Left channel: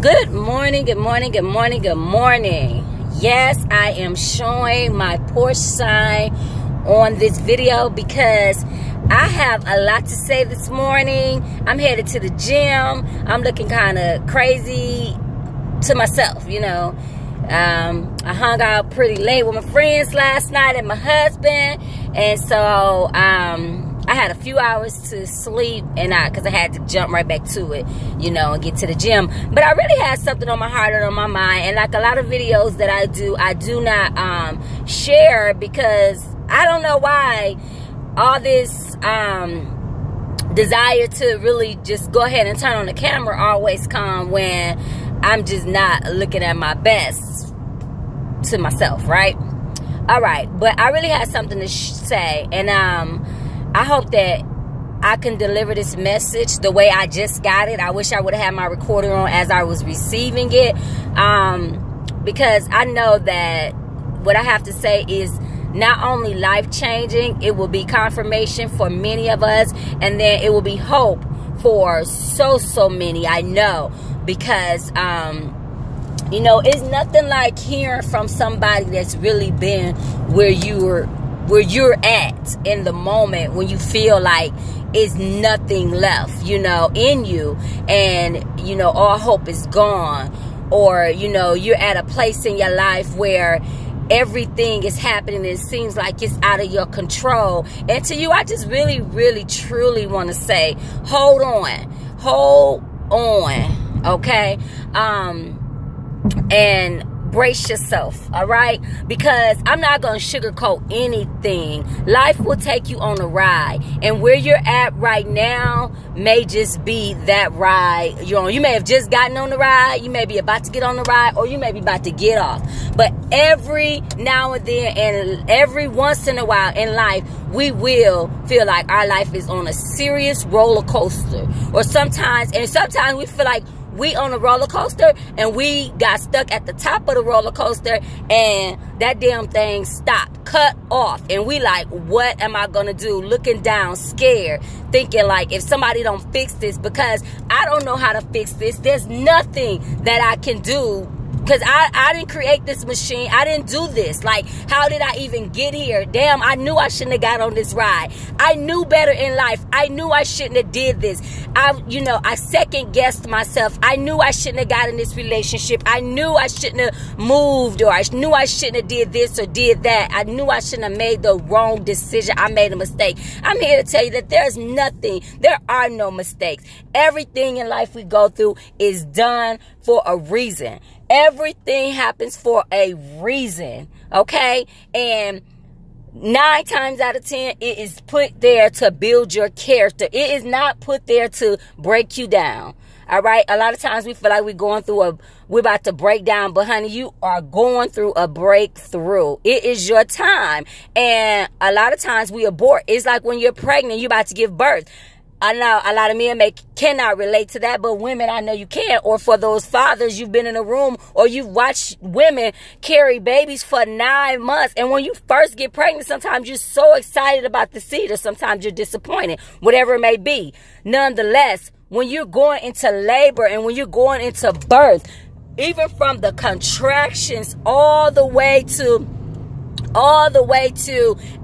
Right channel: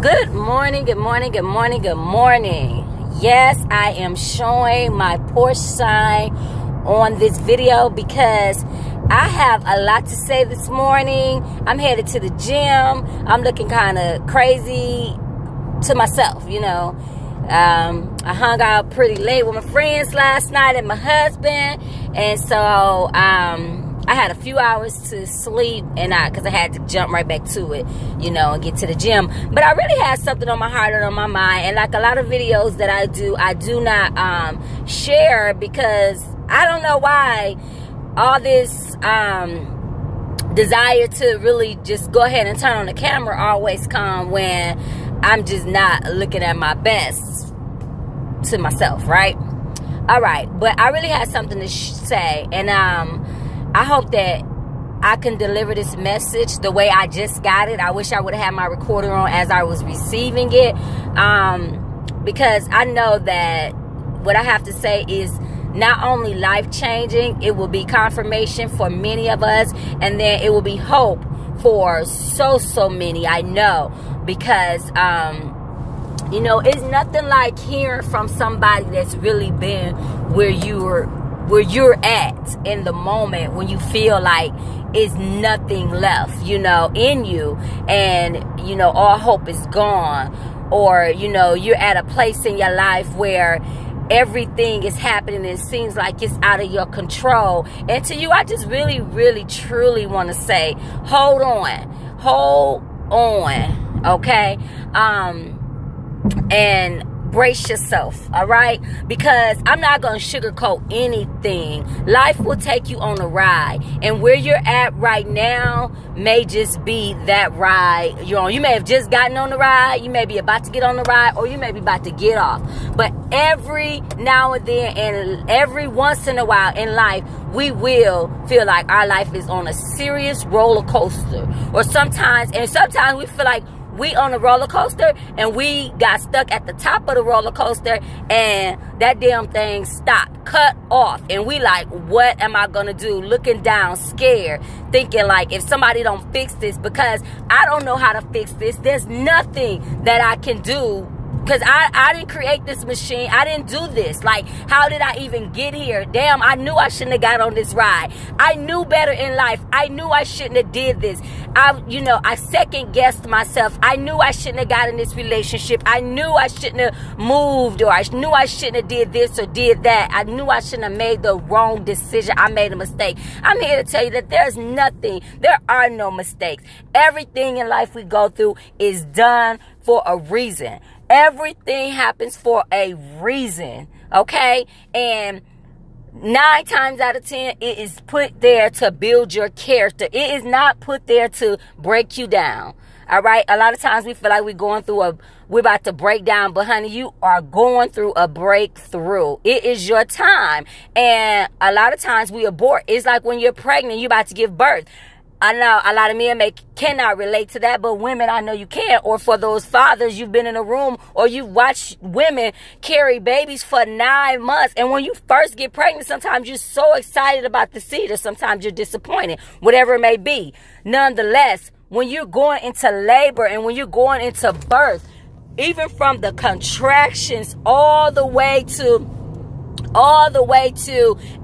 Good morning, good morning, good morning, good morning. Yes, I am showing my Porsche sign on this video because I have a lot to say this morning. I'm headed to the gym. I'm looking kind of crazy to myself, you know. I hung out pretty late with my friends last night and my husband. And so I had a few hours to sleep, and because I had to jump right back to it, you know, and get to the gym. But I really had something on my heart and on my mind. And like a lot of videos that I do not share because I don't know why all this desire to really just go ahead and turn on the camera always come when I'm just not looking at my best to myself, right? All right, but I really had something to say, and I hope that I can deliver this message the way I just got it. I wish I would have had my recorder on as I was receiving it, because I know that what I have to say is not only life-changing, it will be confirmation for many of us, and then it will be hope for so many, I know, because you know, it's nothing like hearing from somebody that's really been where you're at in the moment when you feel like it's nothing left, you know, in you, and you know, all hope is gone, or you know, you're at a place in your life where everything is happening, it seems like it's out of your control. And to you, I just really truly want to say, hold on, okay? And brace yourself, all right? Because I'm not going to sugarcoat anything. Life will take you on a ride, and where you're at right now may just be that ride you're on. You may have just gotten on the ride, you may be about to get on the ride, or you may be about to get off. But every now and then, and every once in a while in life, we will feel like our life is on a serious roller coaster. Or sometimes we feel like we on a roller coaster and we got stuck at the top of the roller coaster and that damn thing stopped, cut off, and we like, what am I gonna do? Looking down, scared, thinking like, if somebody don't fix this, because I don't know how to fix this, there's nothing that I can do, because I didn't create this machine. I didn't do this. Like, how did I even get here? Damn, I knew I shouldn't have got on this ride. I knew better in life. I knew I shouldn't have did this. I second guessed myself. I knew I shouldn't have got in this relationship. I knew I shouldn't have moved, or I knew I shouldn't have did this or did that. I knew I shouldn't have made the wrong decision. I made a mistake. I'm here to tell you that there are no mistakes. Everything in life we go through is done for a reason. Everything happens for a reason, okay? And 9 times out of 10, it is put there to build your character. It is not put there to break you down, all right? A lot of times we feel like we're about to break down, but honey, you are going through a breakthrough. It is your time. And a lot of times we abort. It's like when you're pregnant, you're about to give birth. I know a lot of men cannot relate to that, but women, I know you can. Or for those fathers, you've been in a room or you've watched women carry babies for 9 months. And when you first get pregnant, sometimes you're so excited about the seed, or sometimes you're disappointed, whatever it may be. Nonetheless, when you're going into labor and when you're going into birth, even from the contractions all the way to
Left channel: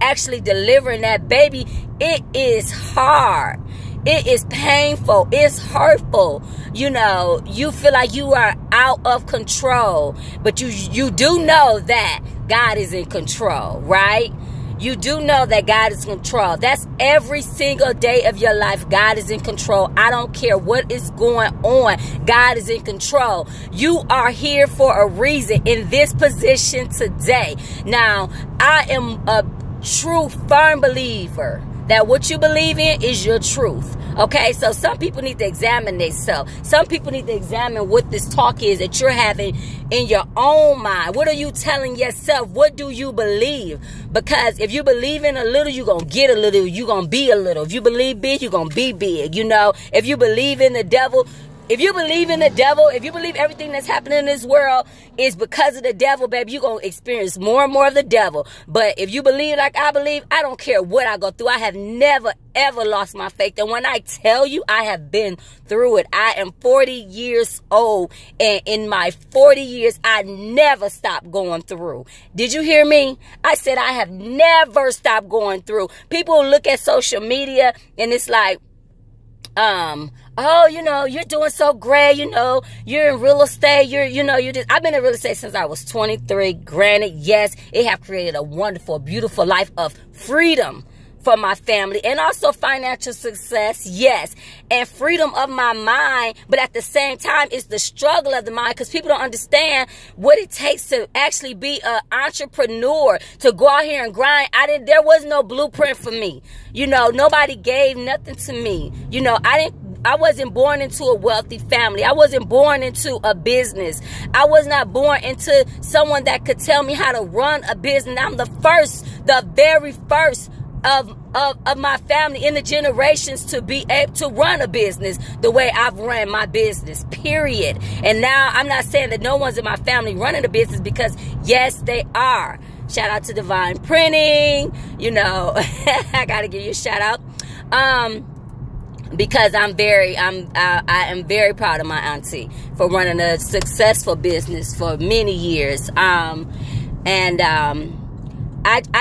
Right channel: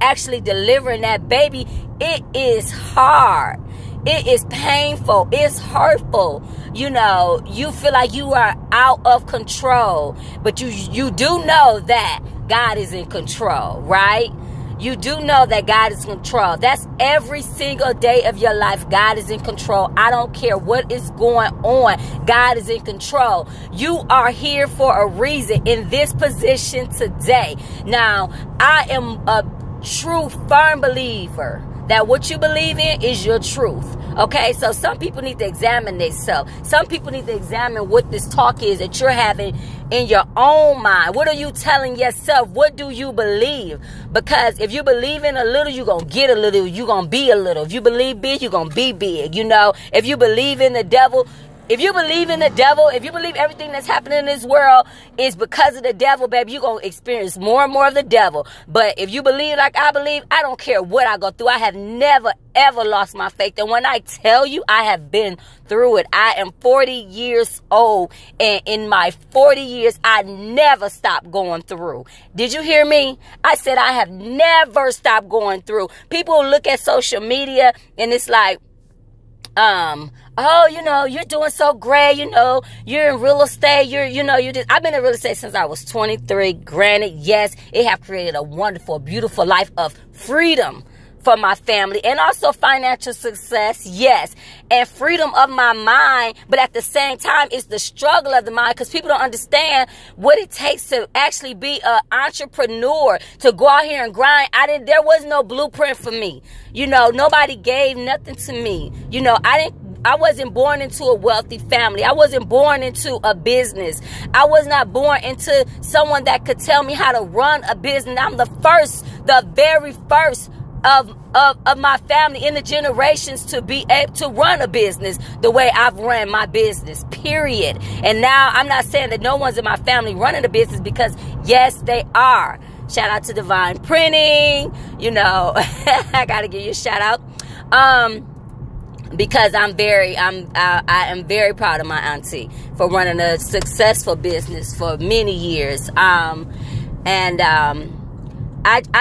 actually delivering that baby, it is hard. It is painful. It's hurtful. You know, you feel like you are out of control. But you do know that God is in control, right? You do know that God is in control. That's every single day of your life. God is in control. I don't care what is going on. God is in control. You are here for a reason in this position today. Now, I am a true, firm believer that what you believe in is your truth. Okay, so some people need to examine themselves. Some people need to examine what this talk is that you're having in your own mind. What are you telling yourself? What do you believe? Because if you believe in a little, you're going to get a little. You're going to be a little. If you believe big, you're going to be big. You know, if you believe in the devil, If you believe in the devil, if you believe everything that's happening in this world is because of the devil, baby, you're going to experience more and more of the devil. But if you believe like I believe, I don't care what I go through. I have never, ever lost my faith. And when I tell you I have been through it, I am 40 years old. And in my 40 years, I never stopped going through. Did you hear me? I said I have never stopped going through. People look at social media and it's like, oh, you know, you're doing so great. You know, you're in real estate. I've been in real estate since I was 23. Granted, yes, it have created a wonderful, beautiful life of freedom for my family and also financial success. Yes. And freedom of my mind. But at the same time, it's the struggle of the mind because people don't understand what it takes to actually be an entrepreneur, to go out here and grind. There was no blueprint for me. You know, nobody gave nothing to me. You know, I wasn't born into a wealthy family. I wasn't born into a business. I was not born into someone that could tell me how to run a business. I'm the very first of my family in the generations to be able to run a business the way I've run my business, period. And now I'm not saying that no one's in my family running a business, because yes, they are. Shout out to Divine Printing. You know, I got to give you a shout out. Because I am very proud of my auntie for running a successful business for many years. I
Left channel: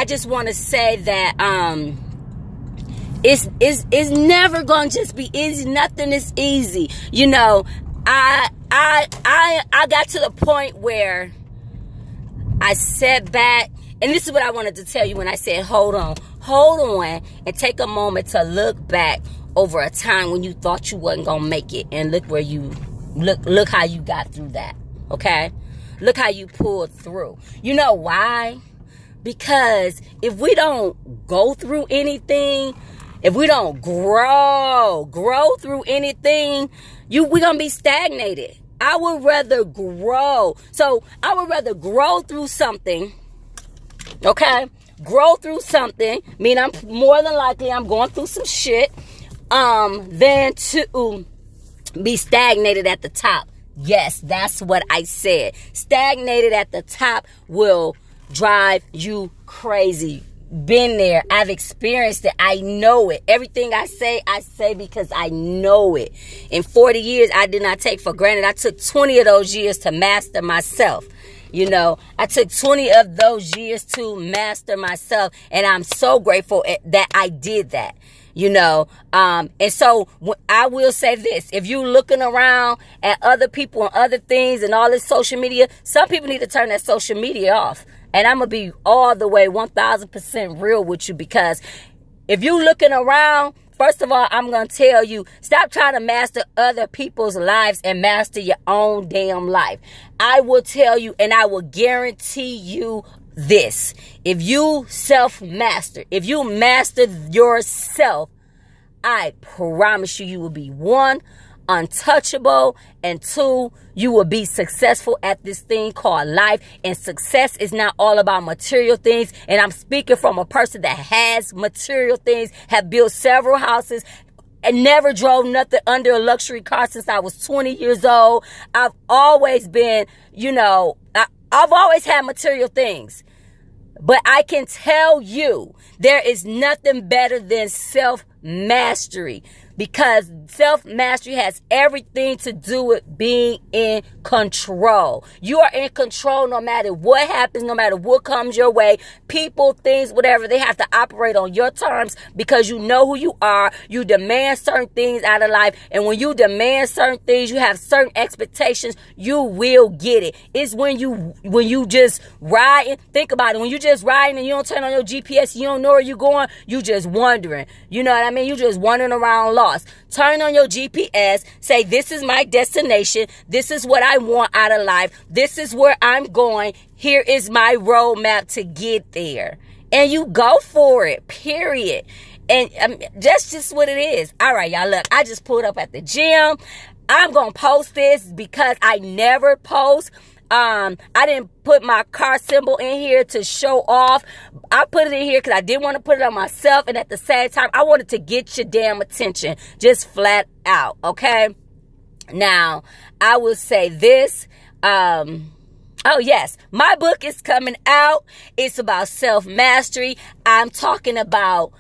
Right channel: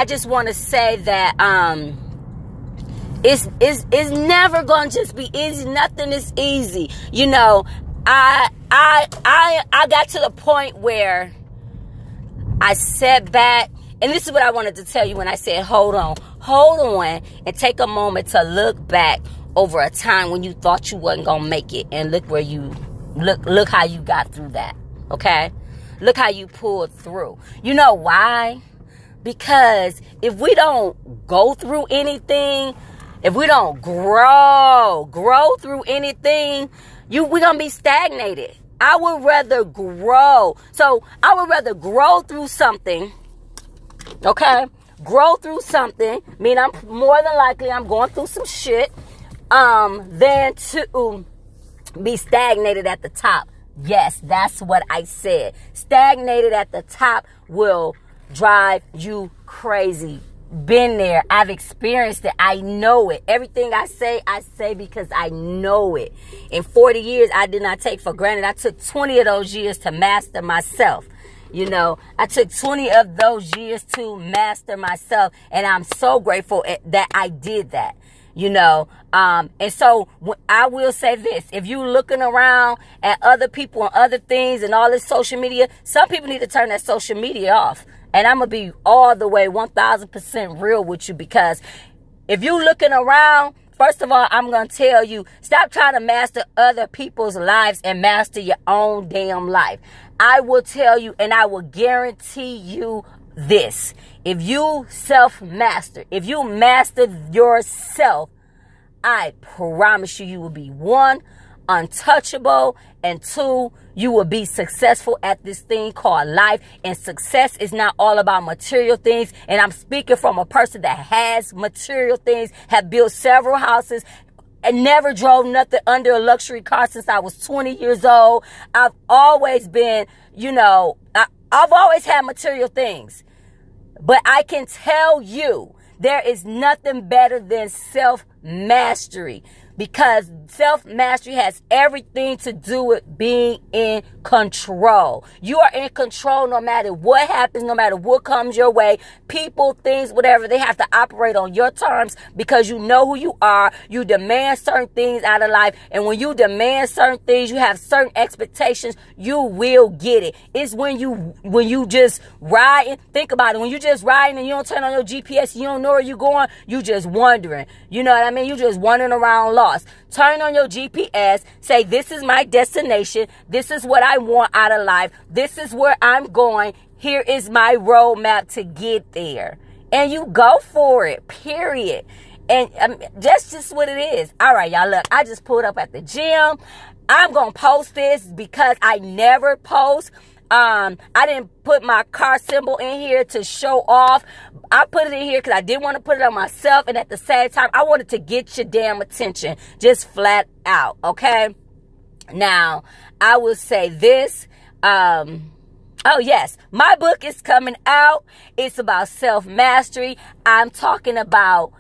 just want to say that it's never gonna just be easy. Nothing is easy. You know, I got to the point where I sat back, and this is what I wanted to tell you when I said hold on, and take a moment to look back over a time when you thought you wasn't gonna make it, and look where you look how you got through that. Okay, look how you pulled through. You know why? Because if we don't go through anything, if we don't grow through anything, we're gonna be stagnated. I would rather grow. So I would rather grow through something. Okay, grow through something. Mean I'm more than likely I'm going through some shit. Than to be stagnated at the top. Yes, that's what I said. Stagnated at the top will drive you crazy. Been there. I've experienced it. I know it. Everything I say because I know it. In 40 years, I did not take for granted. I took 20 of those years to master myself. You know, I took 20 of those years to master myself. And I'm so grateful that I did that. You know, and so I will say this: if you looking around at other people and other things and all this social media, some people need to turn that social media off. And I'm gonna be all the way 1000% real with you, because if you looking around, first of all, I'm gonna tell you, stop trying to master other people's lives and master your own damn life. I will tell you, and I will guarantee you this: if you self-master, if you master yourself, I promise you, you will be 1, untouchable, and 2, you will be successful at this thing called life. And success is not all about material things. And I'm speaking from a person that has material things, have built several houses, and never drove nothing under a luxury car since I was 20 years old. I've always been, you know, I've always had material things. But I can tell you, there is nothing better than self-mastery. Because self-mastery has everything to do with being in control. You are in control no matter what happens, no matter what comes your way. People, things, whatever, they have to operate on your terms because you know who you are. You demand certain things out of life. And when you demand certain things, you have certain expectations, you will get it. It's when you just ride, think about it. When you just riding and you don't turn on your GPS, you don't know where you're going, you just wondering. You know what I mean? You just wandering around lost. Turn on your GPS. Say, this is my destination. This is what I want out of life. This is where I'm going. Here is my roadmap to get there. And you go for it, period. And that's just what it is. All right, y'all, look, I just pulled up at the gym. I'm going to post this because I never post. I didn't put my car symbol in here to show off. I put it in here because I didn't want to put it on myself. And at the same time, I wanted to get your damn attention. Just flat out, okay? Now, I will say this. Oh, yes. My book is coming out. It's about self-mastery. I'm talking about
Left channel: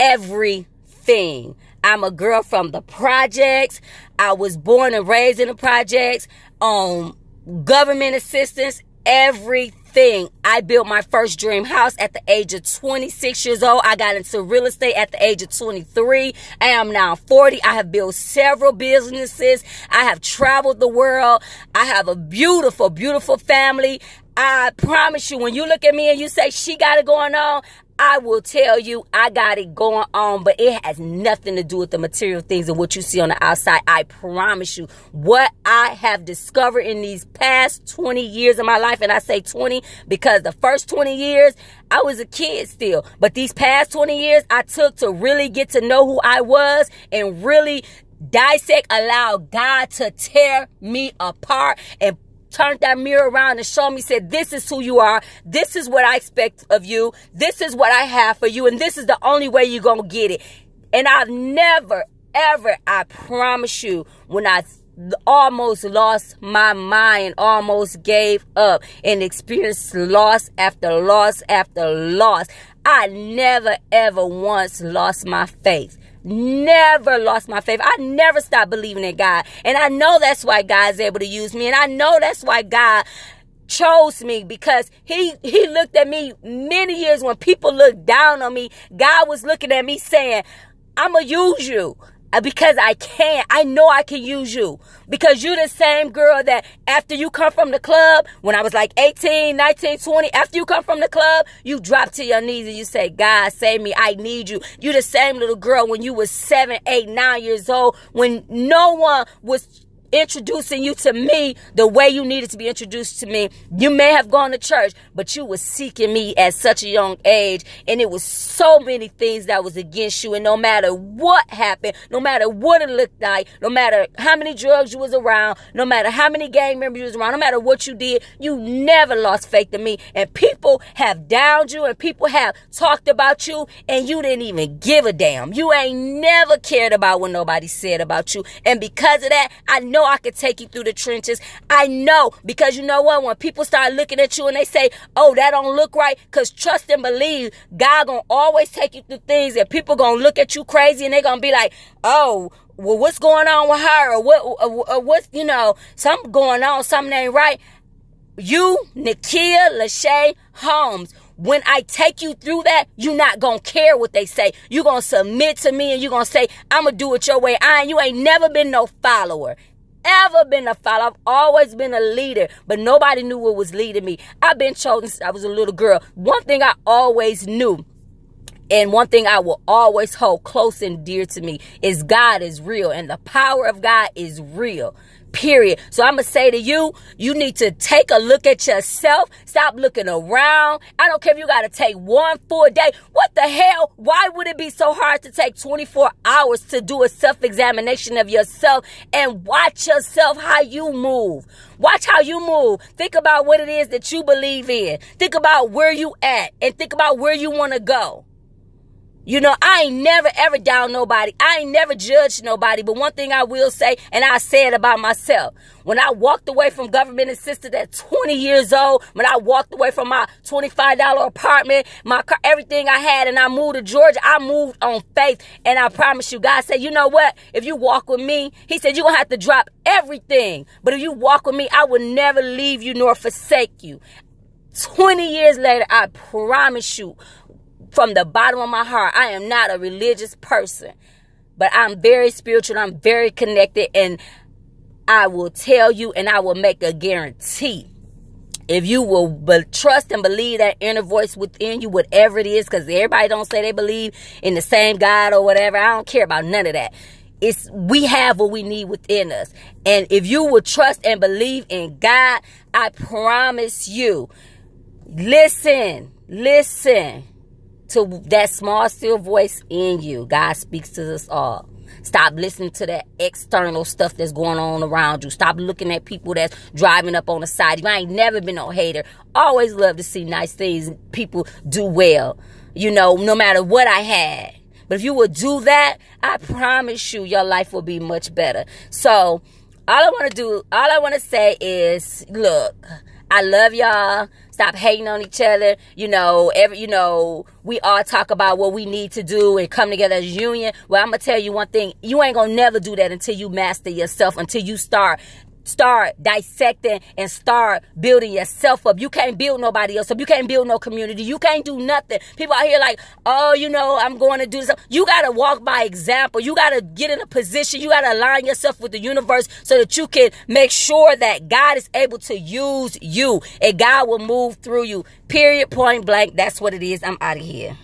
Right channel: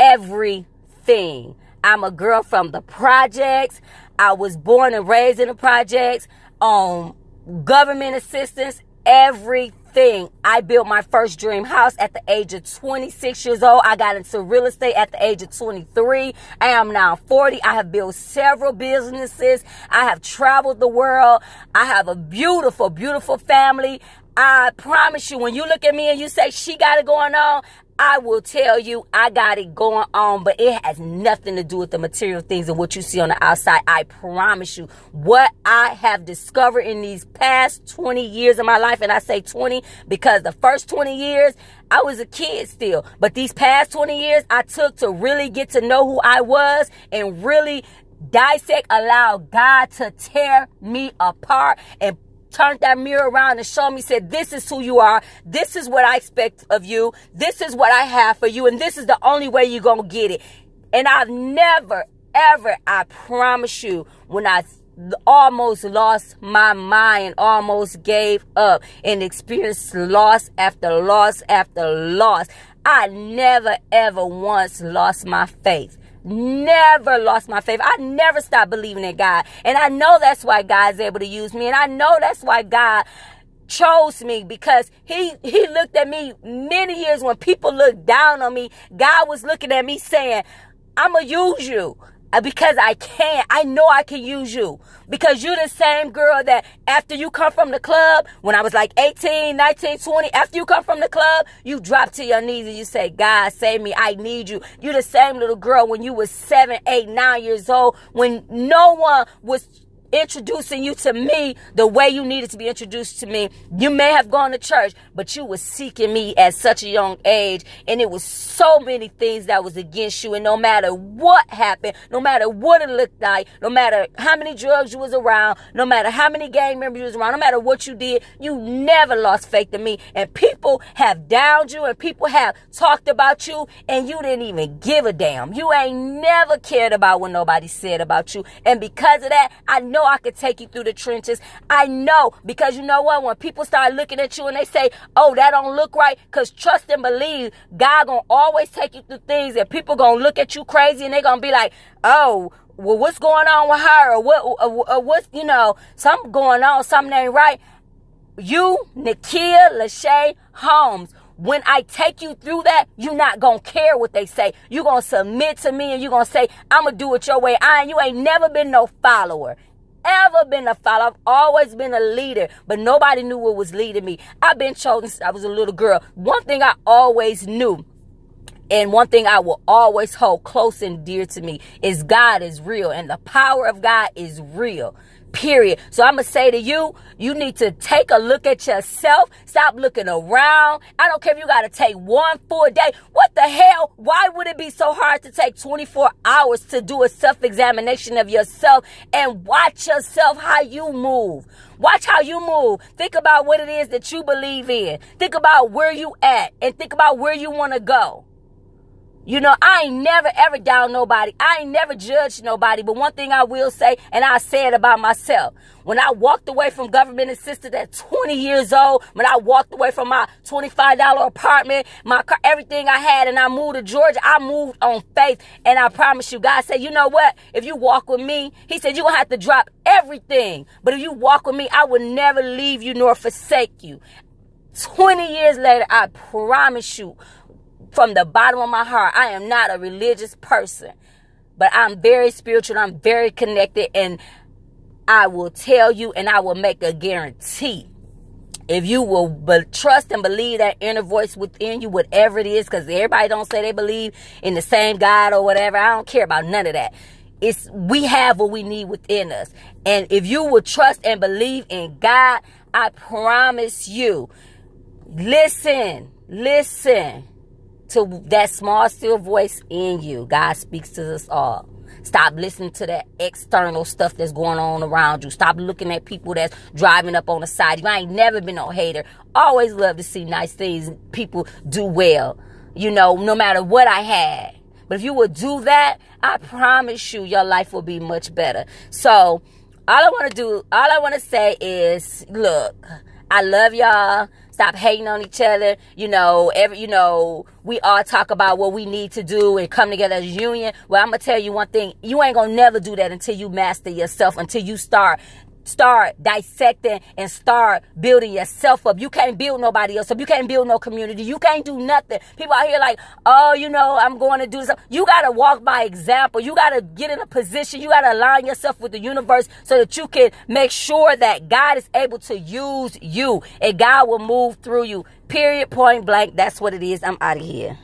everything. I'm a girl from the projects. I was born and raised in the projects. Government assistance, everything. I built my first dream house at the age of 26 years old. I got into real estate at the age of 23. I am now 40. I have built several businesses. I have traveled the world. I have a beautiful, beautiful family. I promise you, when you look at me and you say she got it going on, I will tell you I got it going on, but it has nothing to do with the material things and what you see on the outside. I promise you, what I have discovered in these past 20 years of my life, and I say 20 because the first 20 years, I was a kid still. But these past 20 years, I took to really get to know who I was and really dissect, allow God to tear me apart and turned that mirror around and showed me, said, this is who you are. This is what I expect of you. This is what I have for you. And this is the only way you're going to get it. And I've never, ever, I promise you, when I almost lost my mind, almost gave up and experienced loss after loss after loss, I never, ever once lost my faith. Never lost my faith. I never stopped believing in God. And I know that's why God's able to use me. And I know that's why God chose me, because he looked at me many years when people looked down on me. God was looking at me saying, I'm going to use you because I can. I know I can use you. Because you're the same girl that after you come from the club, when I was like 18, 19, 20, after you come from the club, you drop to your knees and you say, God, save me. I need you. You're the same little girl when you was 7, 8, 9 years old, when no one was introducing you to me the way you needed to be introduced to me. You may have gone to church, but you was seeking me at such a young age, and it was so many things that was against you. And no matter what happened, no matter what it looked like, no matter how many drugs you was around, no matter how many gang members you was around, no matter what you did, you never lost faith in me. And people have downed you, and people have talked about you, and you didn't even give a damn. You ain't never cared about what nobody said about you. And because of that, I know I could take you through the trenches. I know, because you know what? When people start looking at you and they say, oh, that don't look right, because trust and believe, God gonna always take you through things that people gonna look at you crazy and they gonna be like, oh, well, what's going on with her? Or what's, you know, something going on, something ain't right. You, Nikkia Lachey Holmes, when I take you through that, you're not going to care what they say. You're going to submit to me and you're going to say, I'm going to do it your way. You ain't never been no follower. Ever been a follower. I've always been a leader, but nobody knew what was leading me. I've been chosen since I was a little girl. One thing I always knew, and one thing I will always hold close and dear to me, is God is real, and the power of God is real. Period. So I'm going to say to you, you need to take a look at yourself. Stop looking around. I don't care if you got to take one full day. What the hell? Why would it be so hard to take 24 hours to do a self-examination of yourself and watch yourself, how you move? Watch how you move. Think about what it is that you believe in. Think about where you at and think about where you want to go. You know, I ain't never, ever down nobody. I ain't never judged nobody. But one thing I will say, and I say it about myself, when I walked away from government assistance at 20 years old, when I walked away from my $25 apartment, my car, everything I had, and I moved to Georgia, I moved on faith. And I promise you, God said, you know what? If you walk with me, he said, you're going to have to drop everything. But if you walk with me, I will never leave you nor forsake you. 20 years later, I promise you, from the bottom of my heart, I am not a religious person, but I'm very spiritual. I'm very connected, and I will tell you, and I will make a guarantee. If you will trust and believe that inner voice within you, whatever it is, because everybody don't say they believe in the same God or whatever. I don't care about none of that. We have what we need within us. And if you will trust and believe in God, I promise you, listen to that small, still voice in you. God speaks to us all. Stop listening to that external stuff that's going on around you. Stop looking at people that's driving up on the side. I ain't never been no hater. Always love to see nice things. People do well, you know, no matter what I had. But if you would do that, I promise you your life will be much better. So all I want to say is, look, I love y'all. Stop hating on each other. You know, we all talk about what we need to do and come together as a union. Well, I'm going to tell you one thing. You ain't going to never do that until you master yourself, until you start dissecting and start building yourself up. You can't build nobody else up. You can't build no community. You can't do nothing. People out here like, oh, you know, I'm going to do this. You got to walk by example. You got to get in a position. You got to align yourself with the universe so that you can make sure that God is able to use you and God will move through you. Period, point blank. That's what it is. I'm out of here.